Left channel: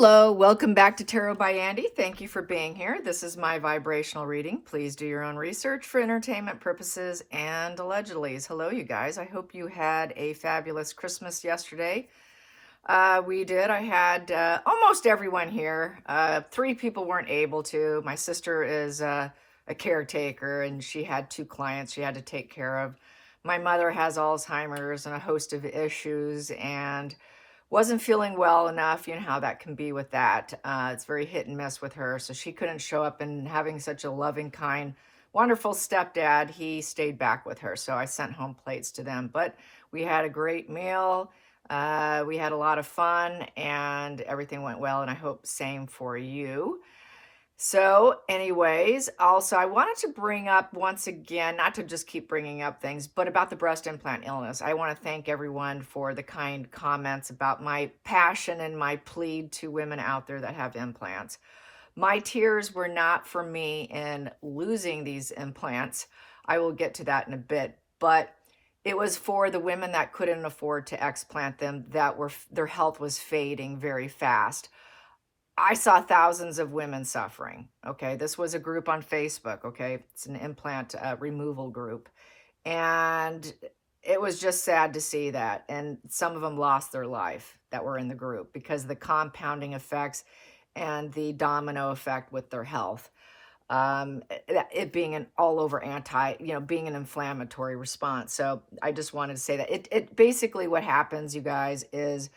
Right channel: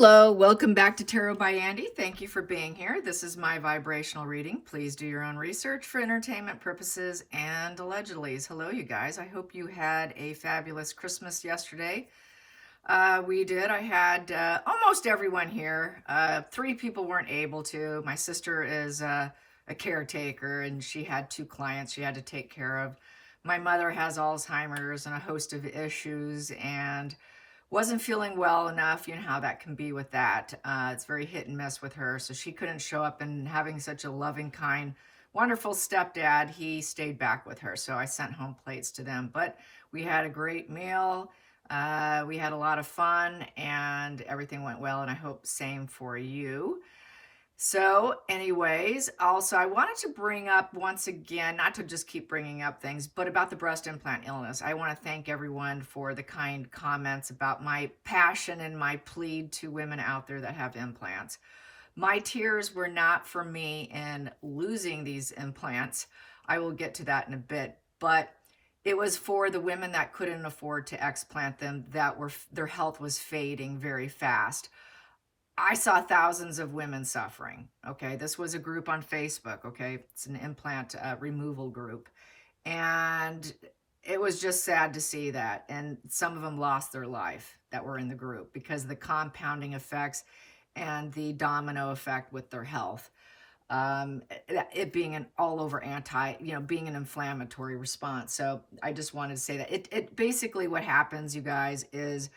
Hello, welcome back to Tarot by Andy. Thank you for being here. This is my vibrational reading. Please do your own research for entertainment purposes and allegedlys. Hello, you guys. I hope you had a fabulous Christmas yesterday. We did. I had almost everyone here. Three people weren't able to. My sister is a caretaker, and she had two clients she had to take care of. My mother has Alzheimer's and a host of issues, and wasn't feeling well enough. You know how that can be with that. It's very hit and miss with her. So she couldn't show up, and having such a loving, kind, wonderful stepdad, he stayed back with her. So I sent home plates to them. But we had a great meal. We had a lot of fun, and everything went well. And I hope same for you. So anyways, also I wanted to bring up once again, not to just keep bringing up things, but about the breast implant illness. I want to thank everyone for the kind comments about my passion and my plead to women out there that have implants. My tears were not for me in losing these implants. I will get to that in a bit, but it was for the women that couldn't afford to explant them, that were their health was fading very fast. I saw thousands of women suffering. Okay. This was a group on Facebook. Okay. It's an implant removal group. And it was just sad to see that. And some of them lost their life that were in the group because of the compounding effects and the domino effect with their health. It being an all over being an inflammatory response. So I just wanted to say that it basically what happens, you guys, is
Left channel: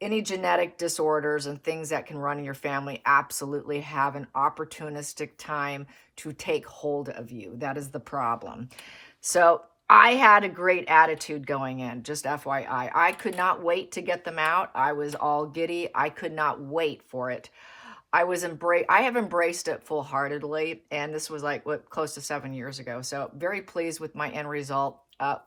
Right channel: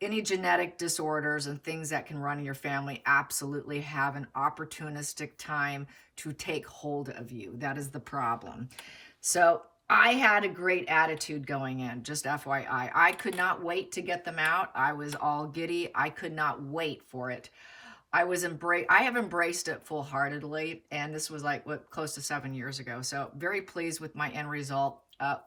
any genetic disorders and things that can run in your family absolutely have an opportunistic time to take hold of you. That is the problem. So I had a great attitude going in, just FYI. I could not wait to get them out. I was all giddy. I could not wait for it. I have embraced it full-heartedly, and this was close to 7 years ago. So very pleased with my end result.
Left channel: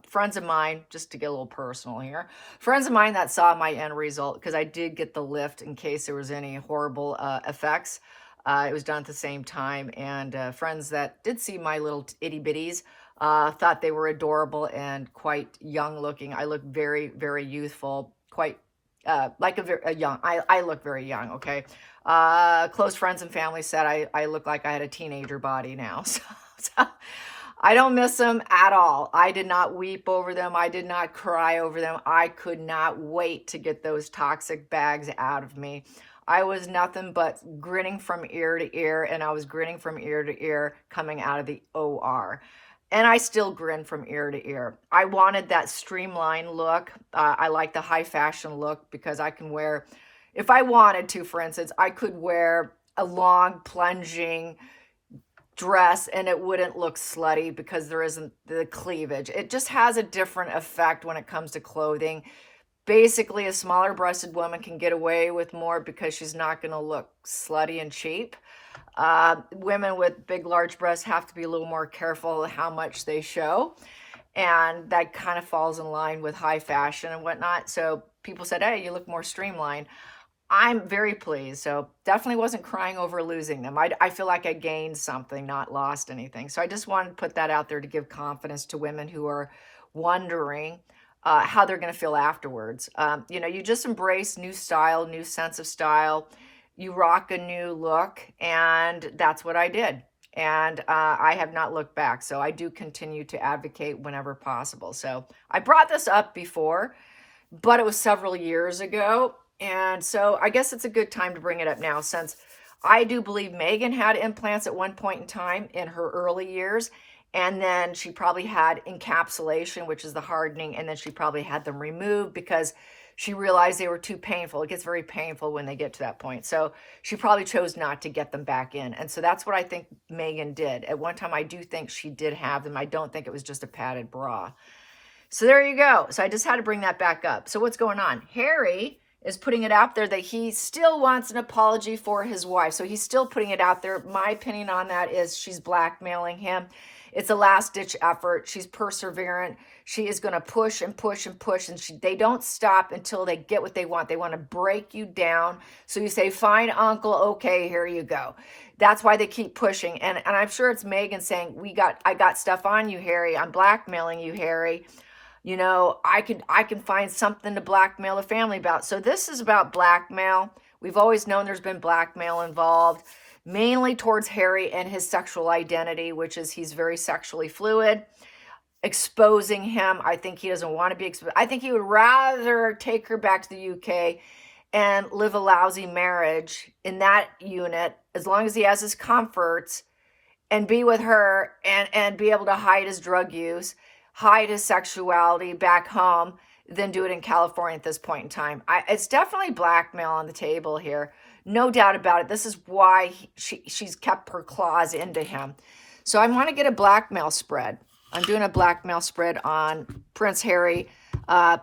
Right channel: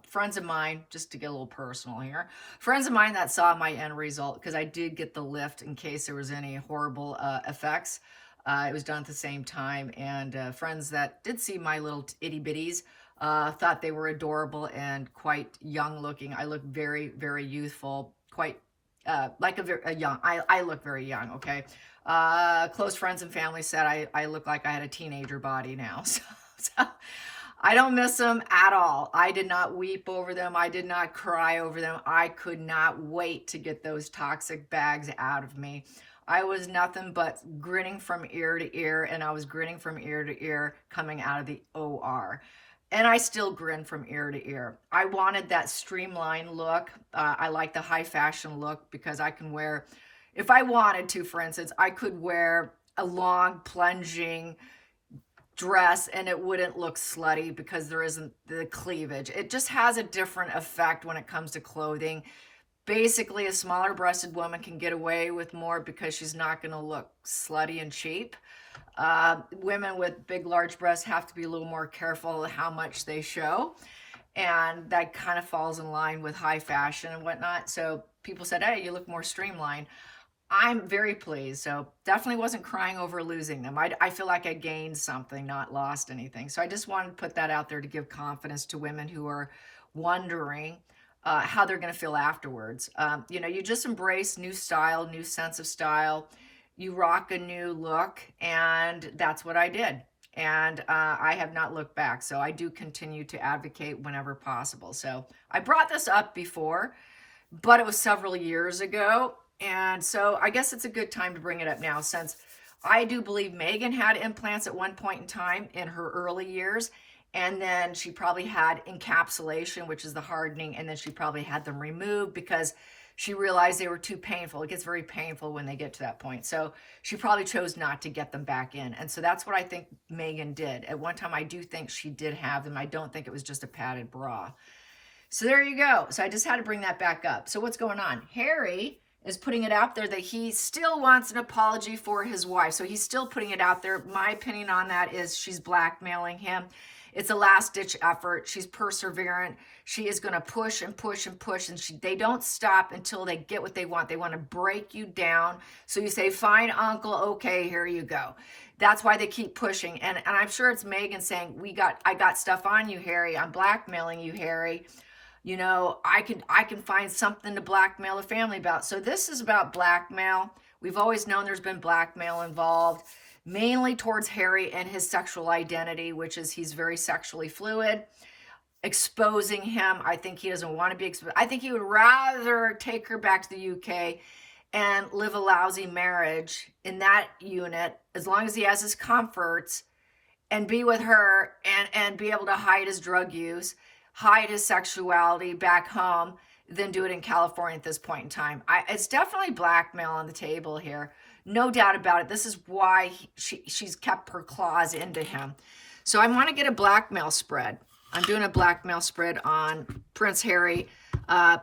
Friends of mine, just to get a little personal here, friends of mine that saw my end result, because I did get the lift in case there was any horrible effects. It was done at the same time, and friends that did see my little itty bitties thought they were adorable and quite young looking. I look very, very youthful, quite like a young. I look very young. Okay. Close friends and family said I look like I had a teenager body now. So I don't miss them at all. I did not weep over them. I did not cry over them. I could not wait to get those toxic bags out of me. I was nothing but grinning from ear to ear, and I was grinning from ear to ear coming out of the OR. And I still grin from ear to ear. I wanted that streamlined look. I like the high fashion look because I can wear, if I wanted to, for instance, I could wear a long plunging dress and it wouldn't look slutty because there isn't the cleavage. It just has a different effect when it comes to clothing. Basically, a smaller breasted woman can get away with more because she's not going to look slutty and cheap. Women with big, large breasts have to be a little more careful how much they show. And that kind of falls in line with high fashion and whatnot. So people said, hey, you look more streamlined. I'm very pleased. So definitely wasn't crying over losing them. I feel like I gained something, not lost anything. So I just wanted to put that out there to give confidence to women who are wondering how they're going to feel afterwards. You just embrace new style, new sense of style. You rock a new look, and that's what I did. And I have not looked back. So I do continue to advocate whenever possible. So I brought this up before, but it was several years ago. And so I guess it's a good time to bring it up now, since I do believe Megan had implants at one point in time in her early years. And then she probably had encapsulation, which is the hardening. And then she probably had them removed because she realized they were too painful. It gets very painful when they get to that point. So she probably chose not to get them back in. And so that's what I think Megan did. At one time, I do think she did have them. I don't think it was just a padded bra. So there you go. So I just had to bring that back up. So what's going on? Harry is putting it out there that he still wants an apology for his wife. So he's still putting it out there. My opinion on that is she's blackmailing him. It's a last-ditch effort. She's perseverant. She is going to push and push and push, and they don't stop until they get what they want. They want to break you down. So you say, fine, uncle, okay, here you go. That's why they keep pushing. And I'm sure it's Megan saying, I got stuff on you, Harry. I'm blackmailing you, Harry. You know, I can find something to blackmail a family about. So this is about blackmail. We've always known there's been blackmail involved, mainly towards Harry and his sexual identity, which is he's very sexually fluid. Exposing him, I think he doesn't want to be exposed. I think he would rather take her back to the UK and live a lousy marriage in that unit, as long as he has his comforts, and be with her and be able to hide his drug use, hide his sexuality back home, than do it in California at this point in time. It's definitely blackmail on the table here. No doubt about it. This is why she's kept her claws into him. So I want to get a blackmail spread. I'm doing a blackmail spread on Prince Harry,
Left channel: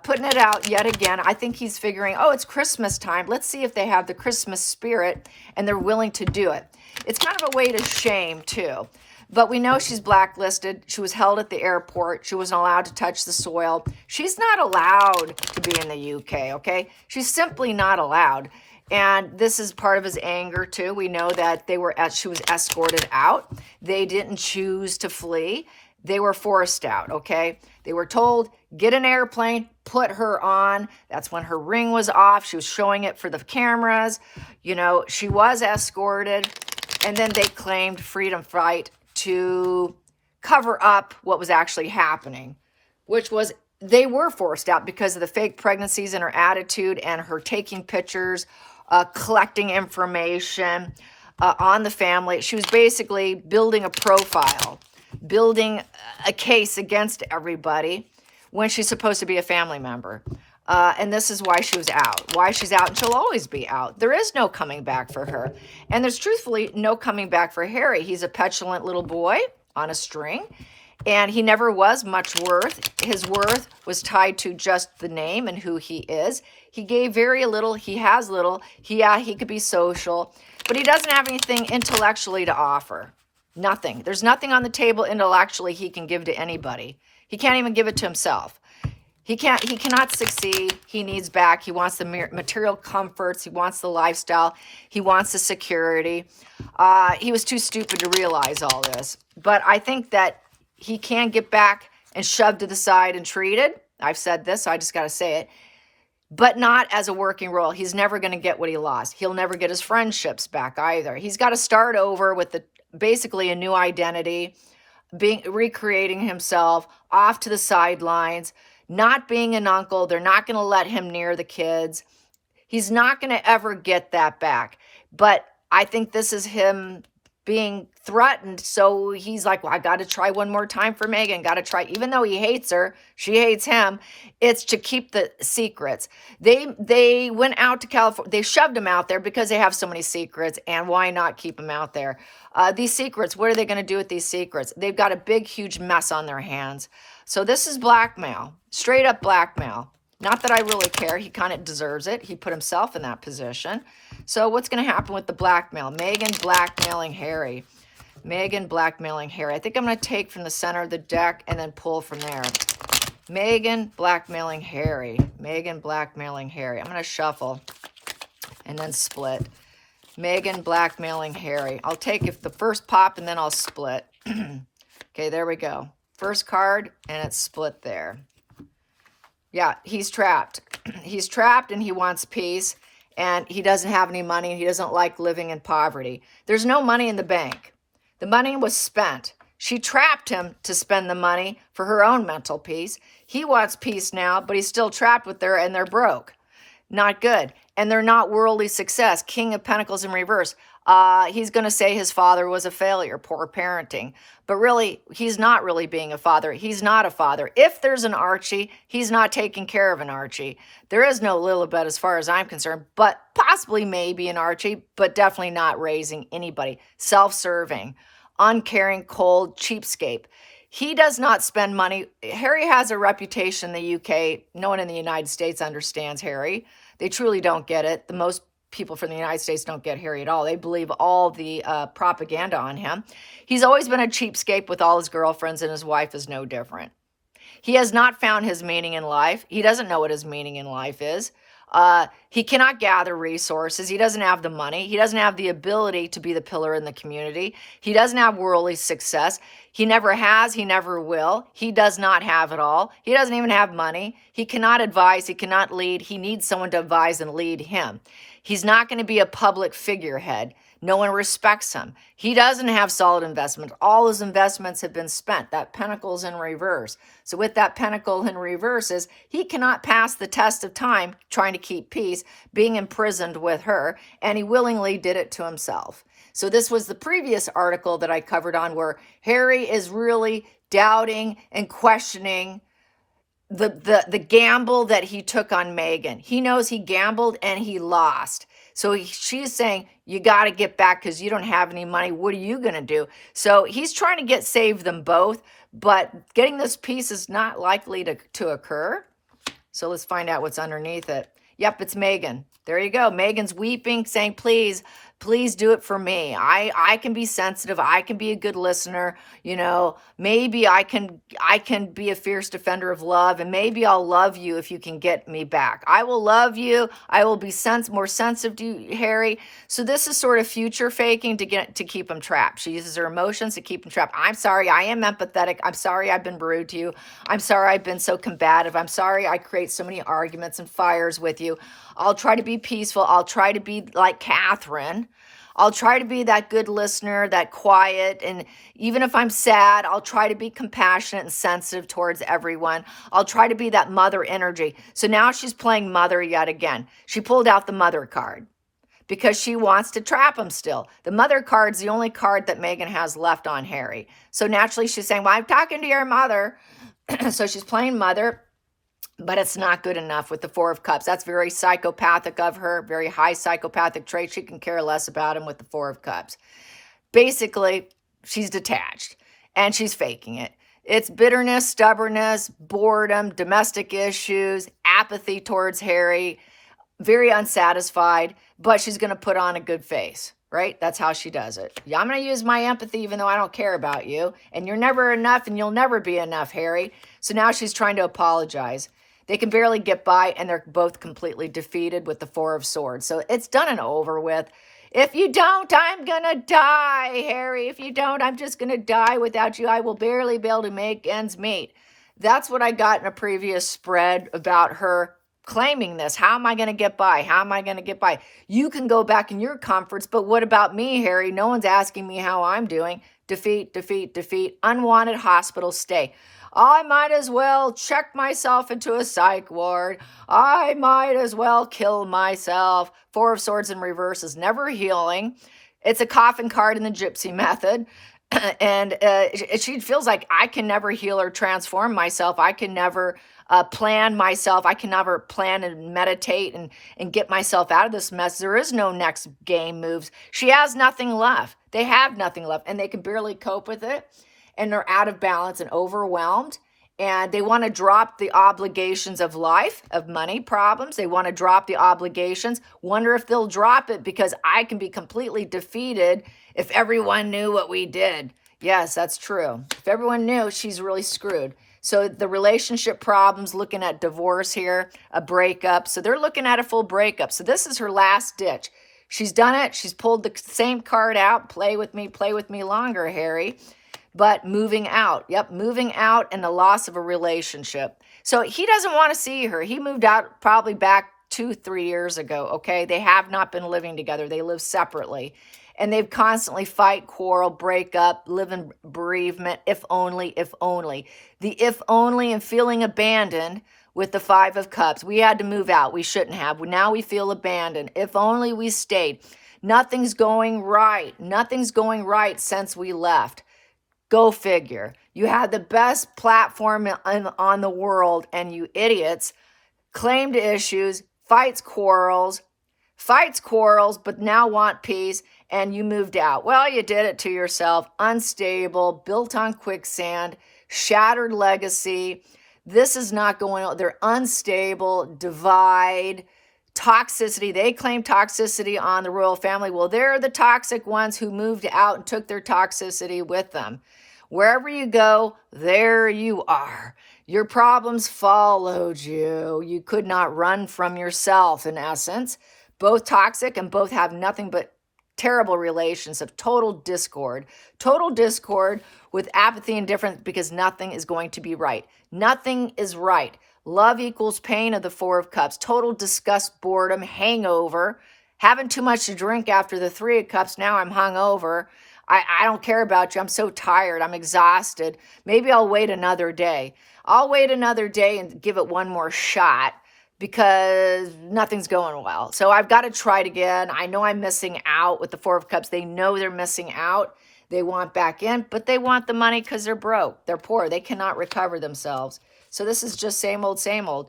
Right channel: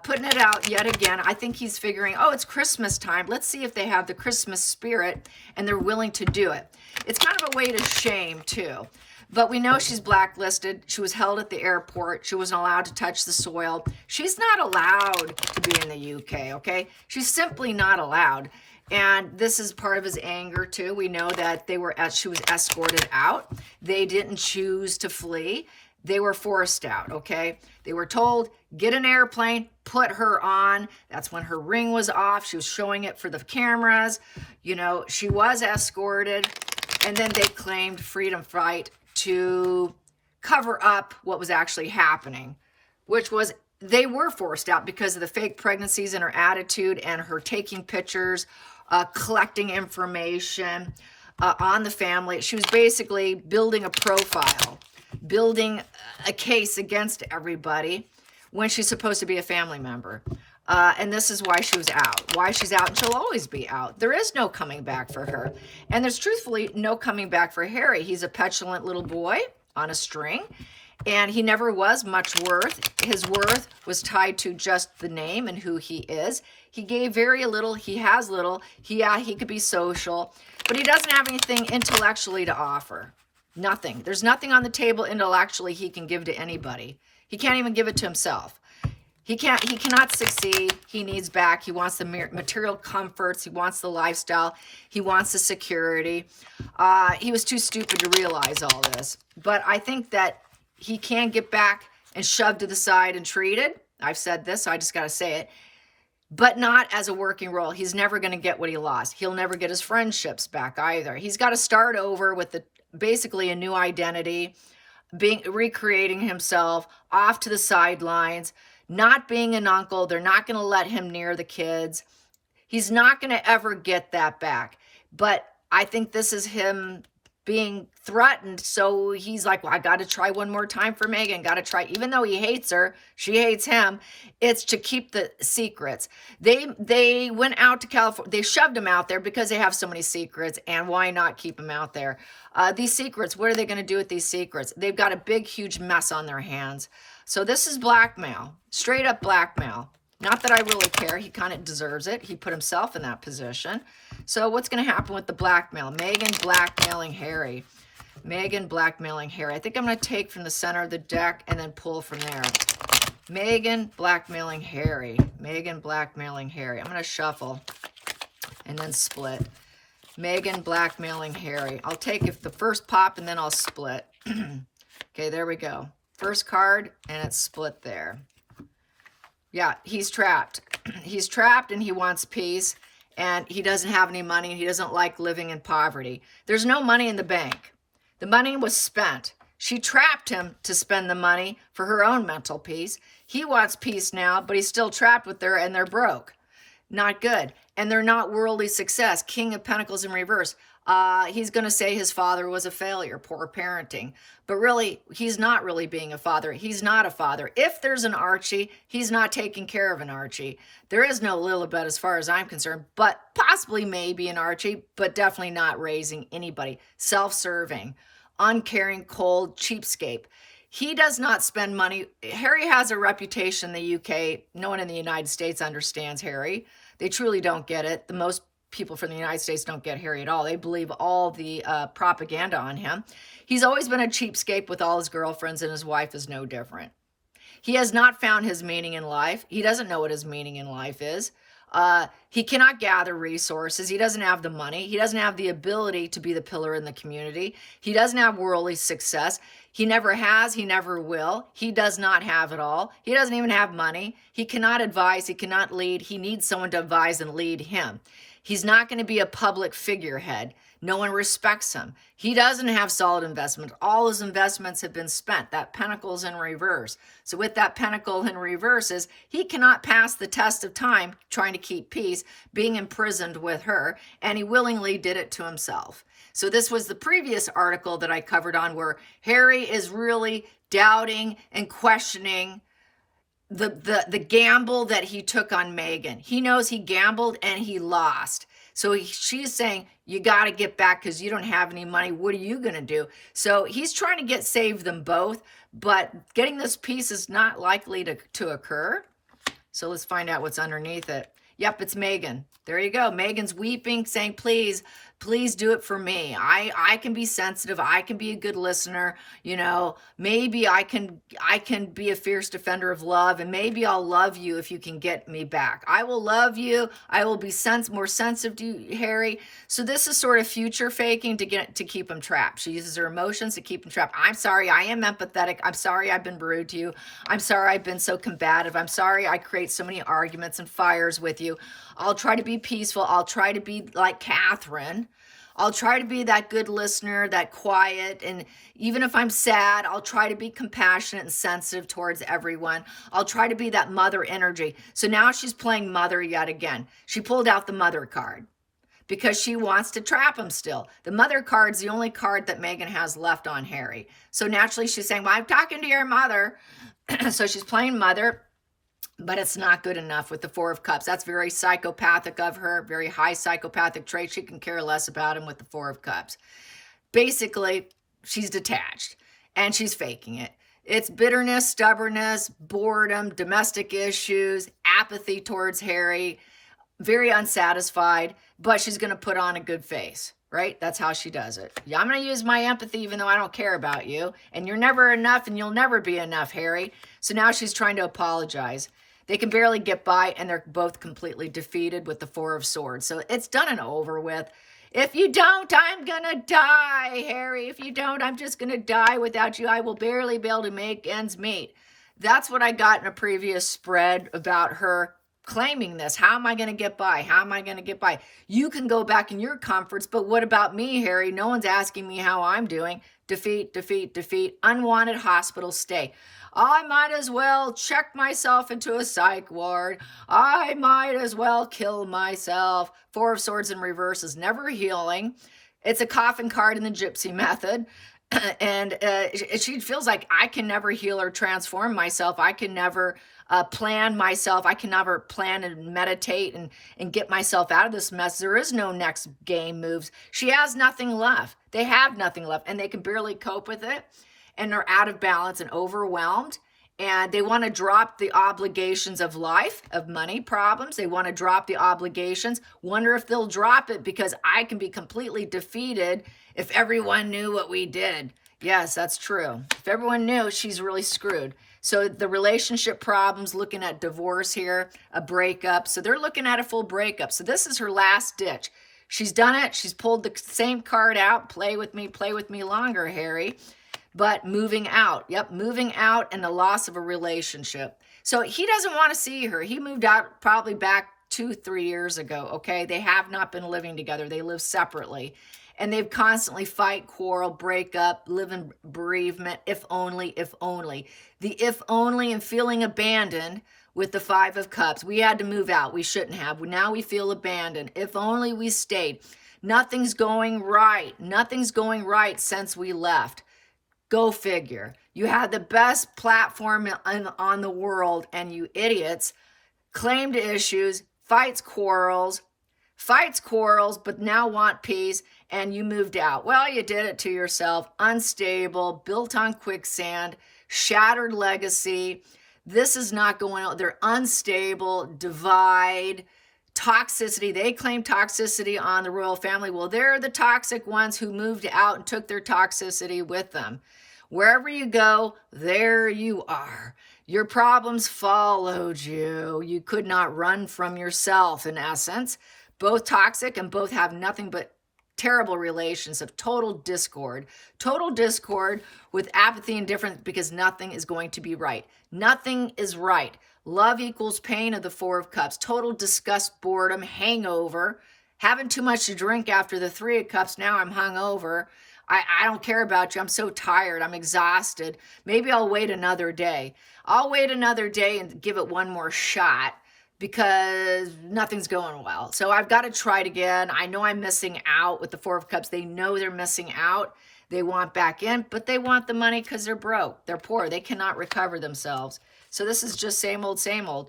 putting it out yet again. I think he's figuring, oh, it's Christmas time. Let's see if they have the Christmas spirit and they're willing to do it. It's kind of a way to shame, too. But we know she's blacklisted. She was held at the airport. She wasn't allowed to touch the soil. She's not allowed to be in the UK, okay? She's simply not allowed. And this is part of his anger, too. We know that she was escorted out. They didn't choose to flee. They were forced out, okay? They were told, get an airplane, put her on. That's when her ring was off. She was showing it for the cameras. You know, she was escorted. And then they claimed freedom fight to cover up what was actually happening, which was they were forced out because of the fake pregnancies and her attitude and her taking pictures, collecting information on the family. She was basically building a profile, building a case against everybody when she's supposed to be a family member. And this is why she was out, why she's out, and she'll always be out. There is no coming back for her. And there's truthfully no coming back for Harry. He's a petulant little boy on a string, and he never was much worth. His worth was tied to just the name and who he is. He gave very little. He has little. He could be social, but he doesn't have anything intellectually to offer. Nothing. There's nothing on the table intellectually he can give to anybody. He can't even give it to himself. He cannot succeed. He needs back. He wants the material comforts. He wants the lifestyle. He wants the security. He was too stupid to realize all this. But I think that he can get back and shoved to the side and treated. I've said this, so I just got to say it. But not as a working role. He's never going to get what he lost. He'll never get his friendships back either. He's got to start over with basically a new identity, recreating himself, off to the sidelines, not being an uncle. They're not going to let him near the kids. He's not going to ever get that back. But I think this is him being threatened. So he's like, well, I got to try one more time for Meghan. Got to try. Even though he hates her, she hates him. It's to keep the secrets. They went out to California. They shoved him out there because they have so many secrets. And why not keep him out there? These secrets, what are they going to do with these secrets? They've got a big, huge mess on their hands. So this is blackmail, straight up blackmail. Not that I really care. He kind of deserves it. He put himself in that position. So what's going to happen with the blackmail? Meghan blackmailing Harry. Meghan blackmailing Harry. I think I'm going to take from the center of the deck and then pull from there. Meghan blackmailing Harry. Meghan blackmailing Harry. I'm going to shuffle and then split. Meghan blackmailing Harry. I'll take the first pop and then I'll split. Okay, there we go. First card, and it's split there. Yeah, he's trapped. He's trapped, and he wants peace, and he doesn't have any money, and he doesn't like living in poverty. There's no money in the bank. The money was spent. She trapped him to spend the money for her own mental peace. He wants peace now, but he's still trapped with her, and they're broke. Not good. And they're not worldly success. King of Pentacles in reverse. He's going to say his father was a failure, poor parenting. But really, he's not really being a father. He's not a father. If there's an Archie, he's not taking care of an Archie. There is no Lilibet as far as I'm concerned, but possibly maybe an Archie, but definitely not raising anybody. Self-serving, uncaring, cold, cheapskate. He does not spend money. Harry has a reputation in the UK. No one in the United States understands Harry. They truly don't get it. The most people from the United States don't get Harry at all. They believe all the propaganda on him. He's always been a cheapskate with all his girlfriends, and his wife is no different. He has not found his meaning in life. He doesn't know what his meaning in life is. He cannot gather resources. He doesn't have the money. He doesn't have the ability to be the pillar in the community. He doesn't have worldly success. He never has, he never will. He does not have it all. He doesn't even have money. He cannot advise, he cannot lead. He needs someone to advise and lead him. He's not going to be a public figurehead. No one respects him. He doesn't have solid investment. All his investments have been spent. That pentacle's in reverse. So with that pentacle in reverse is he cannot pass the test of time trying to keep peace, being imprisoned with her, and he willingly did it to himself. So this was the previous article that I covered on where Harry is really doubting and questioning the gamble that he took on Meghan. He knows he gambled and he lost. So she's saying, you got to get back because you don't have any money. What are you going to do? So he's trying to save them both, but getting this piece is not likely to occur. So let's find out what's underneath it. Yep, it's Meghan. There you go. Meghan's weeping, saying, please do it for me. I can be sensitive. I can be a good listener. You know, maybe I can be a fierce defender of love, and maybe I'll love you if you can get me back. I will love you. I will be more sensitive to you, Harry. So this is sort of future faking to keep him trapped. She uses her emotions to keep him trapped. I'm sorry. I am empathetic. I'm sorry I've been rude to you. I'm sorry I've been so combative. I'm sorry I create so many arguments and fires with you. I'll try to be peaceful. I'll try to be like Catherine. I'll try to be that good listener, that quiet. And even if I'm sad, I'll try to be compassionate and sensitive towards everyone. I'll try to be that mother energy. So now she's playing mother yet again. She pulled out the mother card because she wants to trap him still. The mother card's the only card that Meghan has left on Harry. So naturally she's saying, well, I'm talking to your mother. So she's playing mother. But it's not good enough with the Four of Cups. That's very psychopathic of her, very high psychopathic trait. She can care less about him with the Four of Cups. Basically, she's detached and she's faking it. It's bitterness, stubbornness, boredom, domestic issues, apathy towards Harry, very unsatisfied, but she's going to put on a good face, right? That's how she does it. Yeah, I'm going to use my empathy even though I don't care about you. And you're never enough and you'll never be enough, Harry. So now she's trying to apologize. They can barely get by, and they're both completely defeated with the Four of Swords. So it's done and over with. If you don't, I'm going to die, Harry. If you don't, I'm just going to die without you. I will barely be able to make ends meet. That's what I got in a previous spread about her claiming this. How am I going to get by? How am I going to get by? You can go back in your comforts, but what about me, Harry? No one's asking me how I'm doing. Defeat, defeat, defeat. Unwanted hospital stay. I might as well check myself into a psych ward. I might as well kill myself. Four of Swords in reverse is never healing. It's a coffin card in the gypsy method. And she feels like I can never heal or transform myself. I can never plan myself. I can never plan and meditate and get myself out of this mess. There is no next game moves. She has nothing left. They have nothing left, and they can barely cope with it. And they're out of balance and overwhelmed. And they want to drop the obligations of life, of money problems. They want to drop the obligations. Wonder if they'll drop it because I can be completely defeated if everyone knew what we did. Yes, that's true. If everyone knew, she's really screwed. So the relationship problems, looking at divorce here, a breakup. So they're looking at a full breakup. So this is her last ditch. She's done it. She's pulled the same card out. Play with me longer, Harry. But moving out. Yep, moving out and the loss of a relationship. So he doesn't want to see her. He moved out probably back 2-3 years ago, okay? They have not been living together. They live separately. And they've constantly fight, quarrel, break up, live in bereavement, if only, if only. The if only and feeling abandoned with the Five of Cups. We had to move out. We shouldn't have. Now we feel abandoned. If only we stayed. Nothing's going right. Nothing's going right since we left. Go figure. You had the best platform on the world, and you idiots claimed issues, fights, quarrels, but now want peace, and you moved out. Well, you did it to yourself. Unstable, built on quicksand, shattered legacy. This is not going on. They're unstable, divide, toxicity. They claim toxicity on the royal family. Well, they're the toxic ones who moved out and took their toxicity with them. Wherever you go, there you are. Your problems followed you. You could not run from yourself, in essence. Both toxic and both have nothing but terrible relations of total discord with apathy and indifference because nothing is going to be right. Nothing is right. Love equals pain of the Four of Cups. Total disgust, boredom, hangover. Having too much to drink after the Three of Cups. Now I'm hungover. I don't care about you. I'm so tired. I'm exhausted. Maybe I'll wait another day. I'll wait another day and give it one more shot because nothing's going well. So I've got to try it again. I know I'm missing out with the Four of Cups. They know they're missing out. They want back in, but they want the money because they're broke. They're poor. They cannot recover themselves. So this is just same old, same old.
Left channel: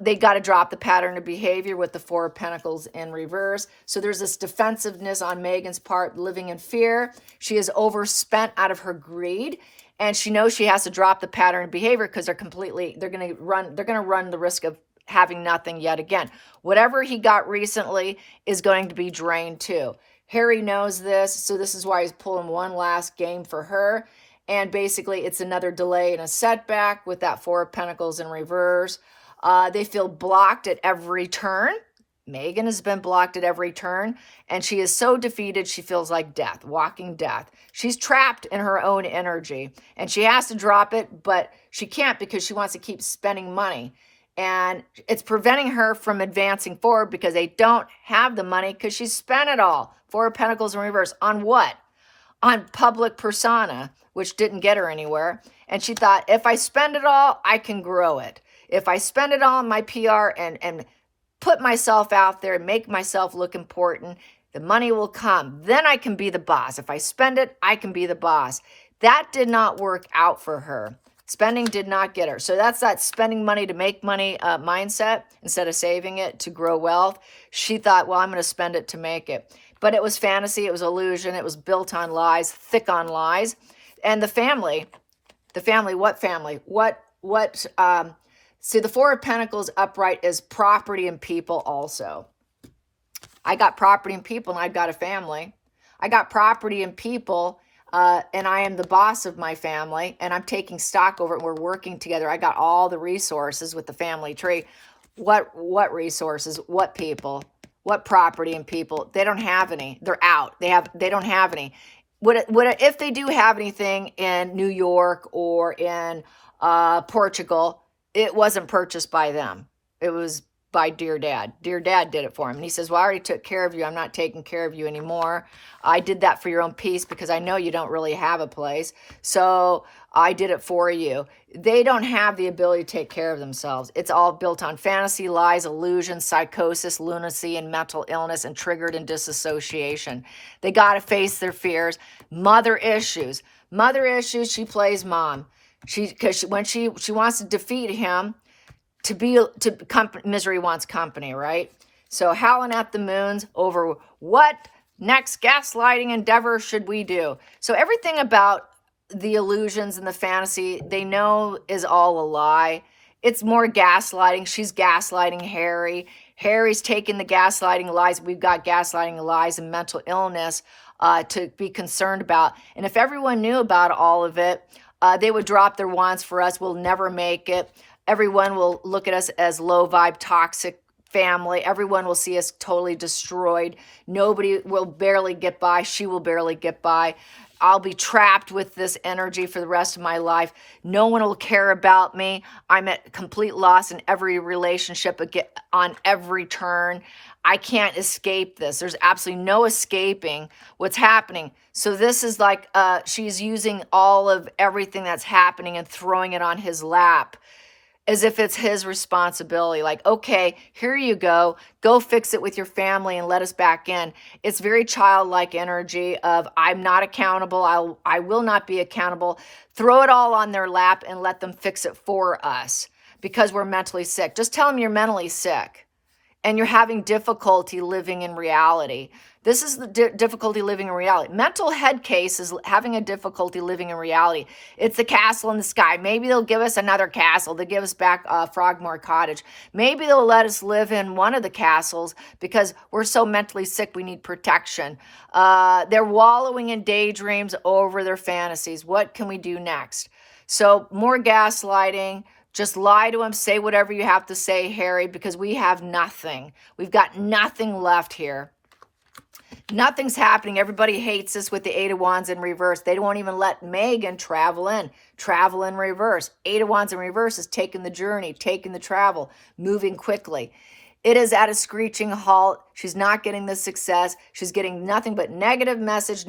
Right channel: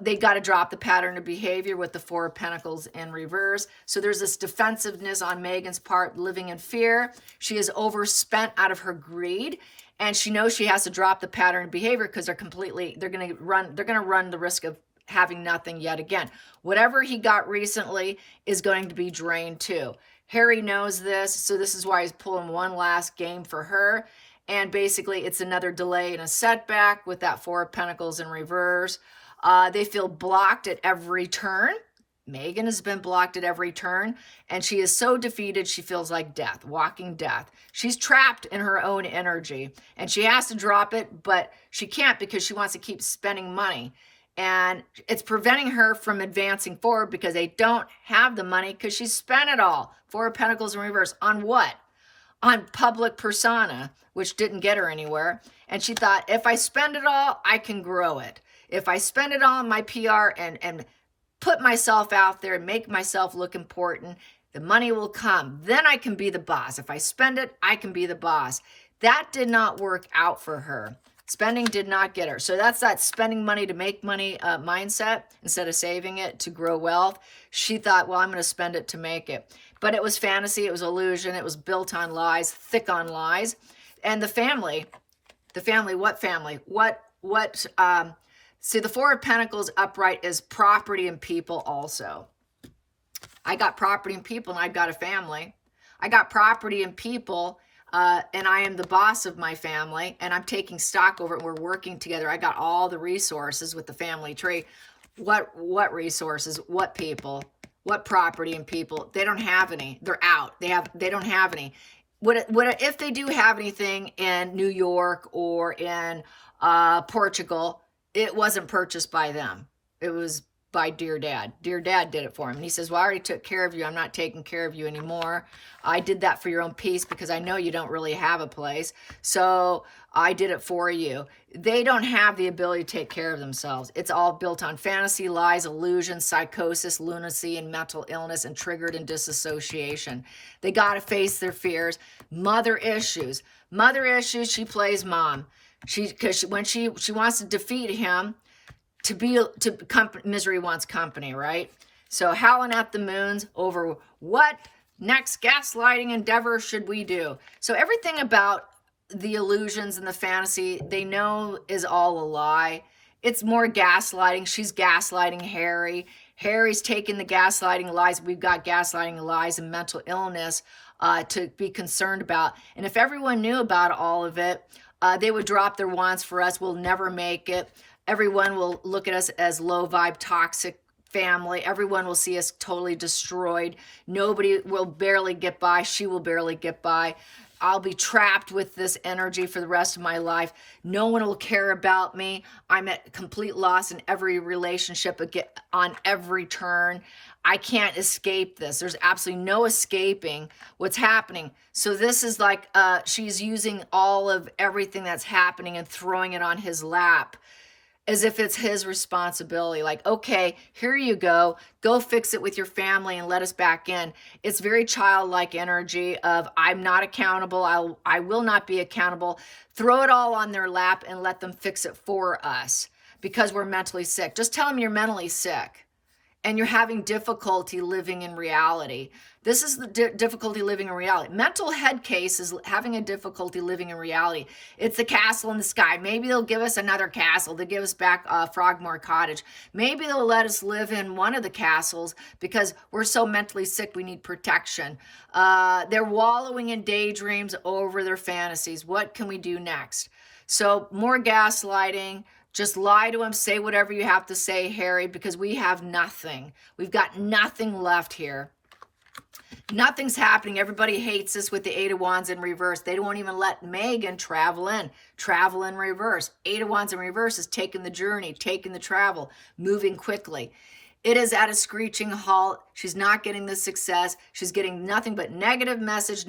They got to drop the pattern of behavior with the Four of Pentacles in reverse. So there's this defensiveness on Megan's part, living in fear. She is overspent out of her greed, and she knows she has to drop the pattern of behavior because they're going to run the risk of having nothing yet again. Whatever he got recently is going to be drained too. Harry knows this, so this is why he's pulling one last game for her. And basically, it's another delay and a setback with that Four of Pentacles in reverse. They feel blocked at every turn. Megan has been blocked at every turn, and she is so defeated, she feels like death, walking death. She's trapped in her own energy, and she has to drop it, but she can't because she wants to keep spending money. And it's preventing her from advancing forward because they don't have the money because she spent it all. Four of Pentacles in reverse. On what? On public persona, which didn't get her anywhere. And she thought, if I spend it all, I can grow it. If I spend it all on my PR and put myself out there and make myself look important, the money will come. Then I can be the boss. If I spend it, I can be the boss. That did not work out for her. Spending did not get her. So that's that spending money to make money mindset instead of saving it to grow wealth. She thought, well, I'm going to spend it to make it. But it was fantasy. It was illusion. It was built on lies, thick on lies. And the family, what family? See, the Four of Pentacles upright is property and people also. I got property and people, and I've got a family. I got property and people, and I am the boss of my family, and I'm taking stock over it. We're working together. I got all the resources with the family tree. What resources? What people? What property and people? They don't have any. They're out. They don't have any. If they do have anything in New York or in Portugal, it wasn't purchased by them. It was by Dear Dad. Dear Dad did it for him. And he says, well, I already took care of you. I'm not taking care of you anymore. I did that for your own peace because I know you don't really have a place. So I did it for you. They don't have the ability to take care of themselves. It's all built on fantasy, lies, illusions, psychosis, lunacy, and mental illness, and triggered and disassociation. They got to face their fears. Mother issues. She plays mom. When she wants to defeat him, misery wants company, right? So howling at the moons over what next gaslighting endeavor should we do? So everything about the illusions and the fantasy, they know is all a lie. It's more gaslighting. She's gaslighting Harry. Harry's taking the gaslighting lies. We've got gaslighting lies and mental illness to be concerned about. And if everyone knew about all of it, they would drop their wands for us. We'll never make it. Everyone will look at us as low vibe, toxic family. Everyone will see us totally destroyed. Nobody will barely get by. She will barely get by. I'll be trapped with this energy for the rest of my life. No one will care about me. I'm at complete loss in every relationship, on every turn. I can't escape this. There's absolutely no escaping what's happening. So this is like she's using all of everything that's happening and throwing it on his lap as if it's his responsibility. Like, okay, here you go. Go fix it with your family and let us back in. It's very childlike energy of I'm not accountable. I will not be accountable. Throw it all on their lap and let them fix it for us because we're mentally sick. Just tell them you're mentally sick and you're having difficulty living in reality. This is the difficulty living in reality. Mental head case is having a difficulty living in reality. It's the castle in the sky. Maybe they'll give us another castle. They'll give us back Frogmore Cottage. Maybe they'll let us live in one of the castles because we're so mentally sick we need protection. They're wallowing in daydreams over their fantasies. What can we do next? So more gaslighting. Just lie to him. Say whatever you have to say, Harry, because we have nothing. We've got nothing left here. Nothing's happening. Everybody hates us with the Eight of Wands in reverse. They won't even let Megan travel in reverse. Eight of Wands in reverse is taking the journey, taking the travel, moving quickly. It is at a screeching halt. She's not getting the success. She's getting nothing but negative message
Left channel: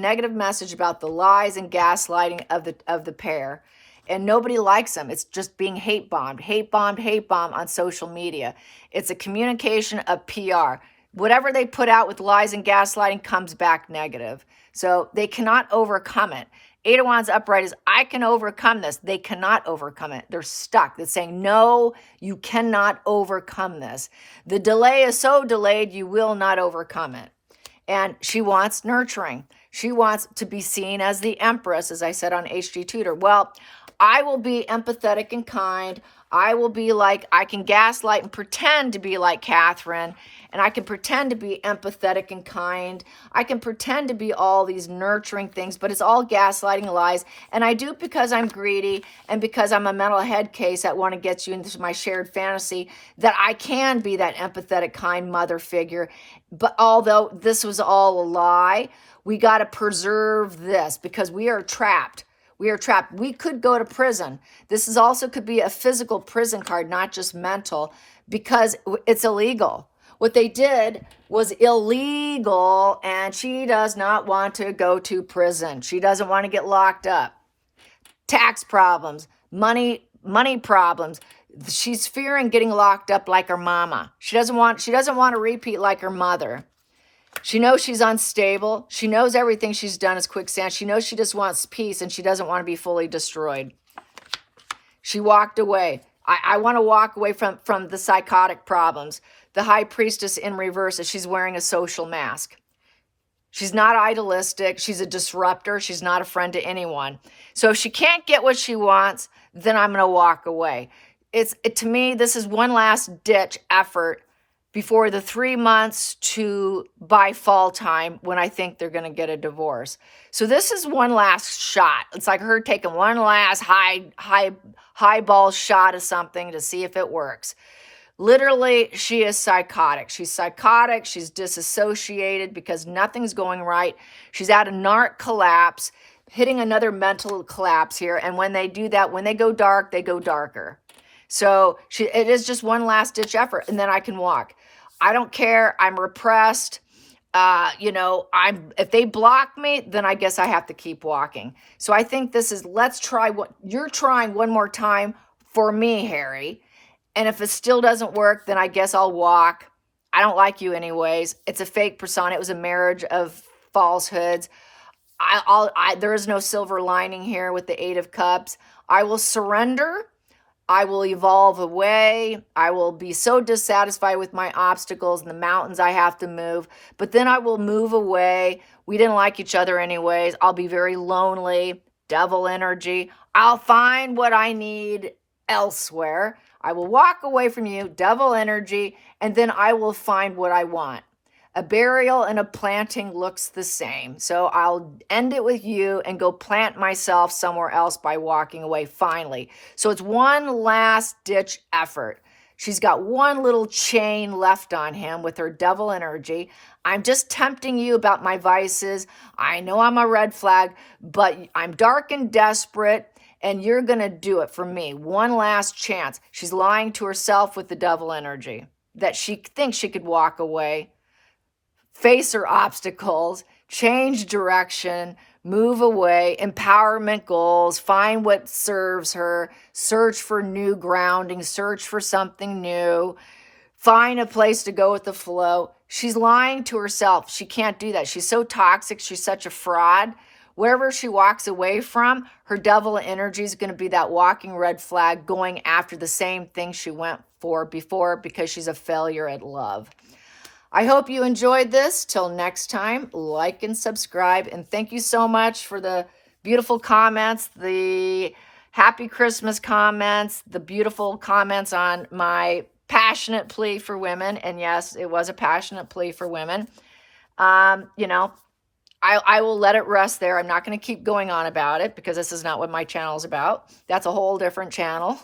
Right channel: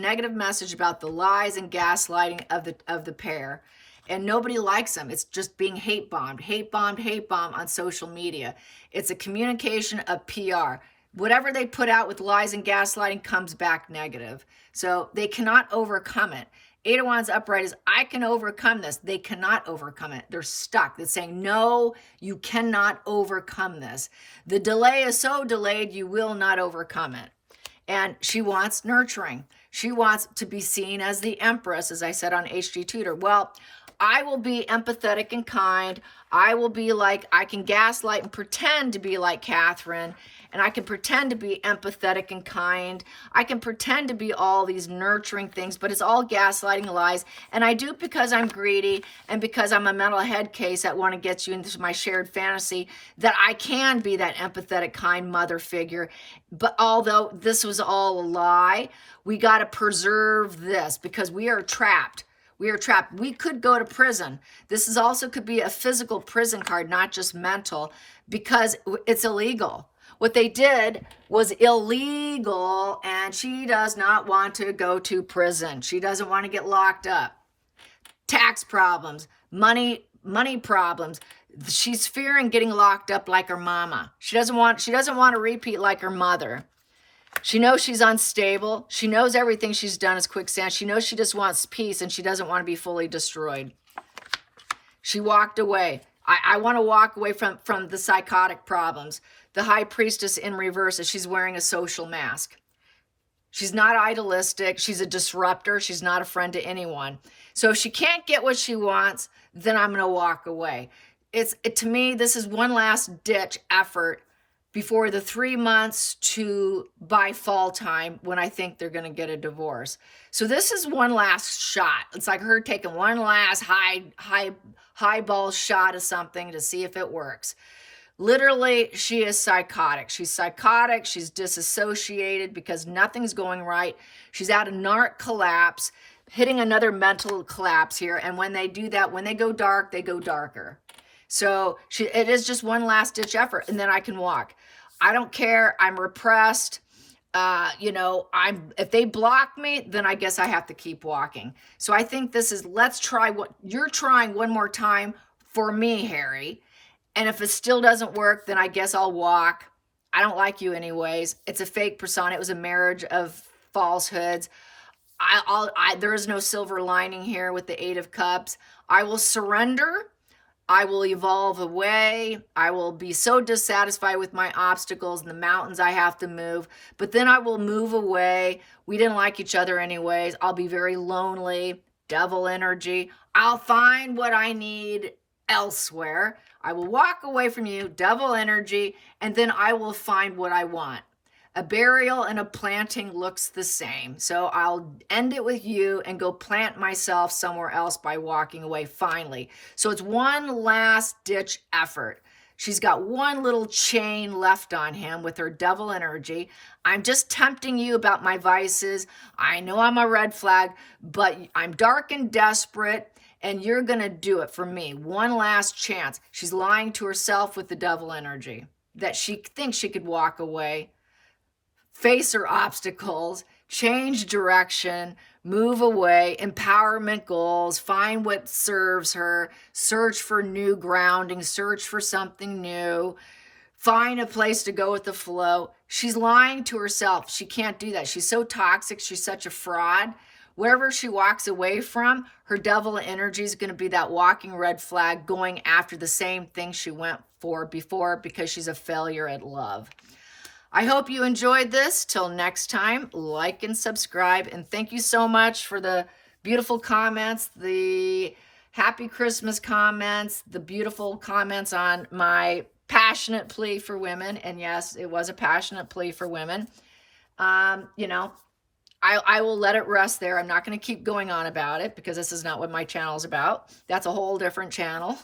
about the lies and gaslighting of the pair. And nobody likes them. It's just being hate bombed on social media. It's a communication of PR. Whatever they put out with lies and gaslighting comes back negative. So they cannot overcome it. Eight of Wands upright is, I can overcome this. They cannot overcome it. They're stuck. They're saying, no, you cannot overcome this. The delay is so delayed, you will not overcome it. And she wants nurturing. She wants to be seen as the Empress, as I said on HG Tutor. Well, I will be empathetic and kind. I will be like, I can gaslight and pretend to be like Catherine. And I can pretend to be empathetic and kind. I can pretend to be all these nurturing things, but it's all gaslighting lies. And I do it because I'm greedy and because I'm a mental head case that want to get you into my shared fantasy that I can be that empathetic, kind mother figure. But although this was all a lie, we got to preserve this because we are trapped. We are trapped. We could go to prison. This is also could be a physical prison card, not just mental, because it's illegal. What they did was illegal, and she does not want to go to prison. She doesn't want to get locked up. Tax problems, money problems. She's fearing getting locked up like her mama. She doesn't want to repeat like her mother. She knows she's unstable. She knows everything she's done is quicksand. She knows she just wants peace, and she doesn't want to be fully destroyed. She walked away. I want to walk away from the psychotic problems. The High Priestess in reverse is she's wearing a social mask. She's not idealistic. She's a disruptor. She's not a friend to anyone. So if she can't get what she wants, then I'm going to walk away. To me, this is one last ditch effort before the 3 months to by fall time when I think they're going to get a divorce. So this is one last shot. It's like her taking one last highball shot of something to see if it works. Literally, she is psychotic. She's psychotic. She's disassociated because nothing's going right. She's at a narc collapse, hitting another mental collapse here. And when they do that, when they go dark, they go darker. So it is just one last ditch effort. And then I can walk. I don't care. I'm repressed. If they block me, then I guess I have to keep walking. So I think this is, let's try what you're trying one more time for me, Harry. And if it still doesn't work, then I guess I'll walk. I don't like you anyways. It's a fake persona. It was a marriage of falsehoods. There is no silver lining here with the Eight of Cups. I will surrender. I will evolve away. I will be so dissatisfied with my obstacles and the mountains I have to move. But then I will move away. We didn't like each other anyways. I'll be very lonely. Devil energy. I'll find what I need elsewhere. I will walk away from you, devil energy, and then I will find what I want. A burial and a planting looks the same. So I'll end it with you and go plant myself somewhere else by walking away finally. So it's one last ditch effort. She's got one little chain left on him with her devil energy. I'm just tempting you about my vices. I know I'm a red flag, but I'm dark and desperate. And you're going to do it for me. One last chance. She's lying to herself with the devil energy. That she thinks she could walk away, face her obstacles, change direction, move away, empowerment goals, find what serves her, search for new grounding, search for something new, find a place to go with the flow. She's lying to herself. She can't do that. She's so toxic. She's such a fraud. Wherever she walks away from, her devil energy is going to be that walking red flag going after the same thing she went for before because she's a failure at love. I hope you enjoyed this. Till next time, like and subscribe. And thank you so much for the beautiful comments, the happy Christmas comments, the beautiful comments on my passionate plea for women. And yes, it was a passionate plea for women. I will let it rest there. I'm not going to keep going on about it because this is not what my channel is about. That's a whole different channel.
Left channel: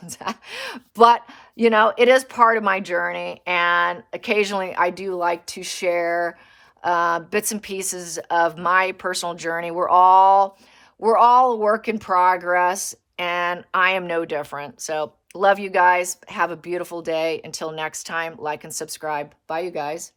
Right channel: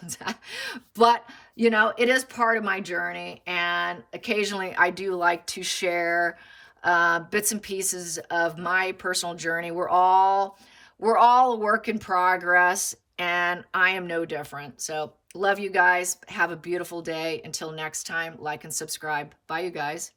But, it is part of my journey. And occasionally I do like to share bits and pieces of my personal journey. We're all a work in progress, and I am no different. So love you guys. Have a beautiful day. Until next time, like and subscribe. Bye, you guys.